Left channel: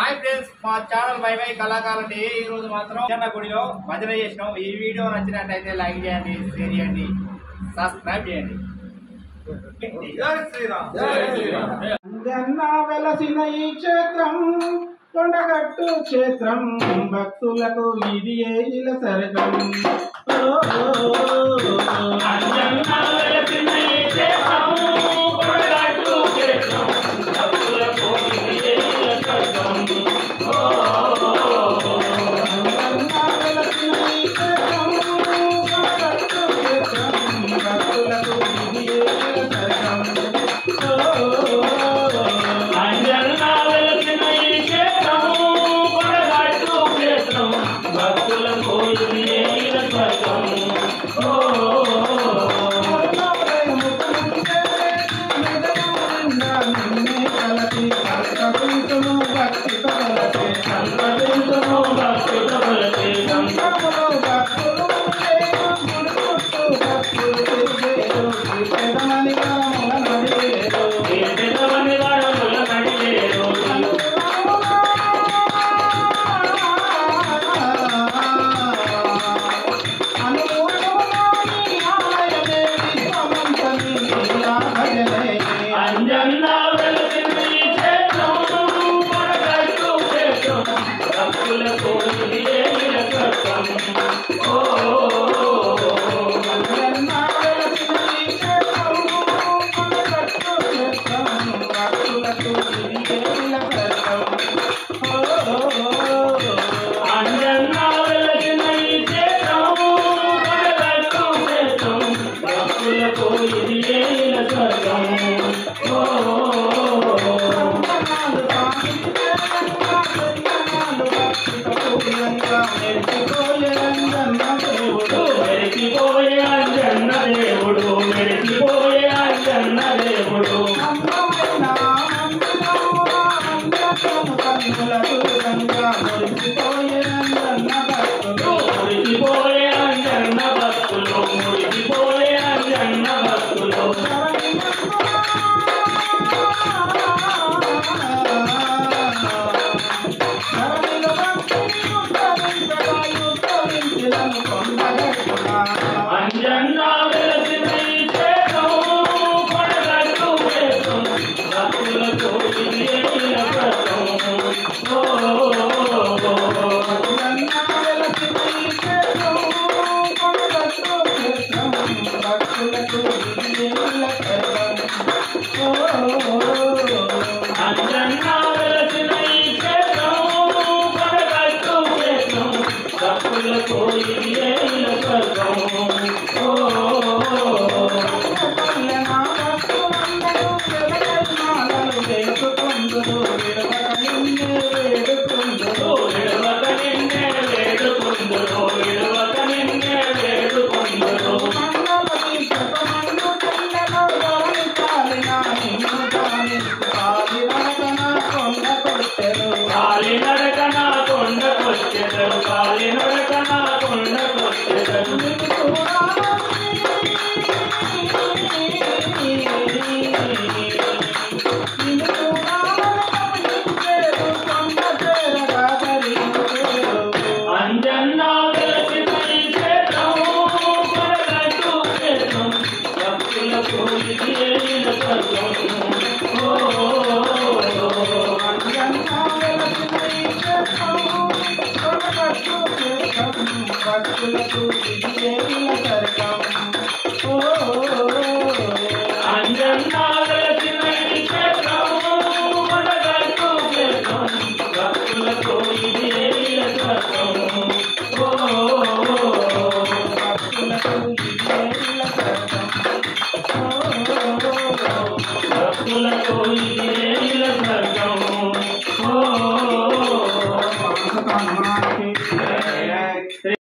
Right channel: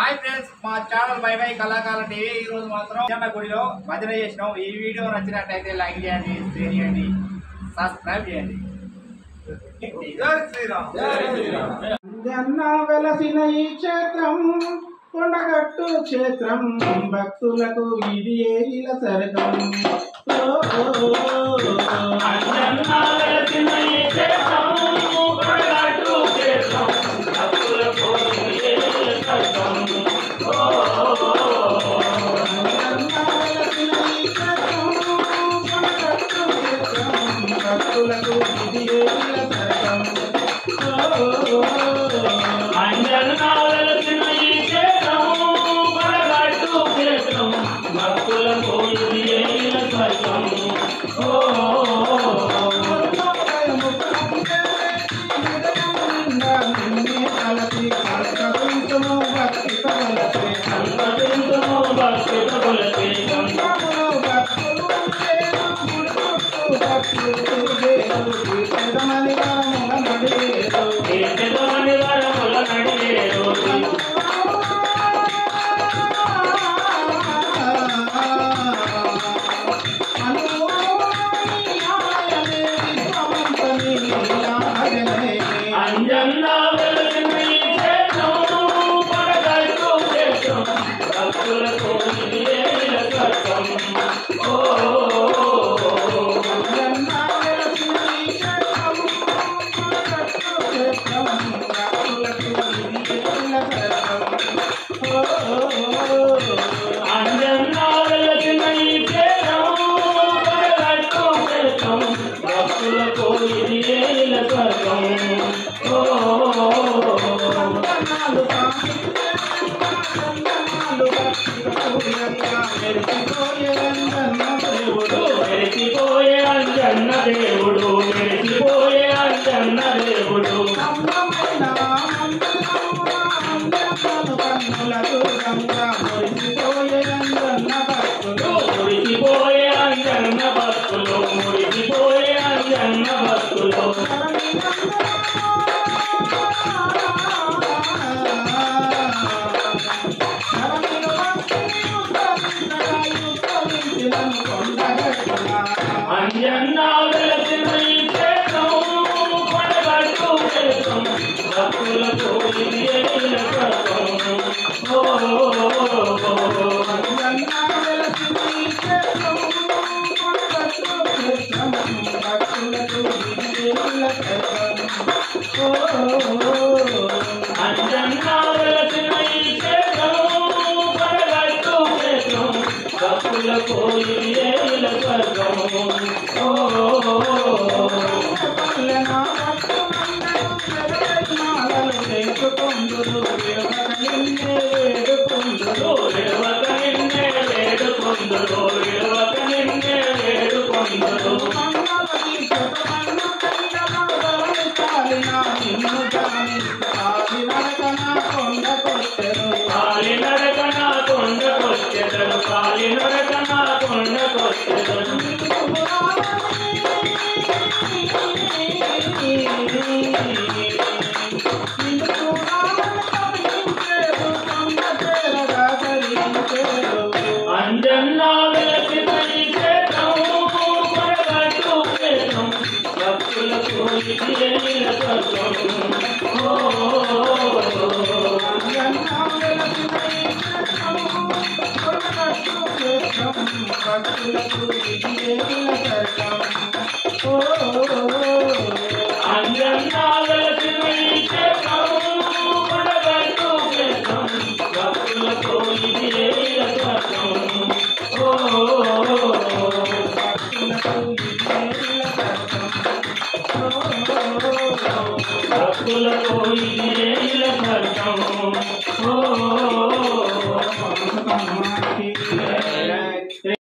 Hi friends మా channel by by కళాకారుల TV ఈ రోజు మాత్రం చిన్న గుడిలో భజన చేసినాం। ఈ వీడియో నచ్చినట్లయితే లైక్ చేయండి, షేర్ చేయండి, సబ్స్క్రైబ్ చేయండి। జై శ్రీరామ్ జై శ్రీరామ్। జన్న వెలసిన ఈ క్షేత్రం కొండగట్టు క్షేత్రం భక్తులకు ఇది ఏల సరకం। జన్న వెలసిన ఈ క్షేత్రం కొండగట్టు క్షేత్రం భక్తులకు ఇది ఏల సరకం। భక్తులకు ఇది ఏల సరకం। భక్తులకు ఇది ఏల సరకం। के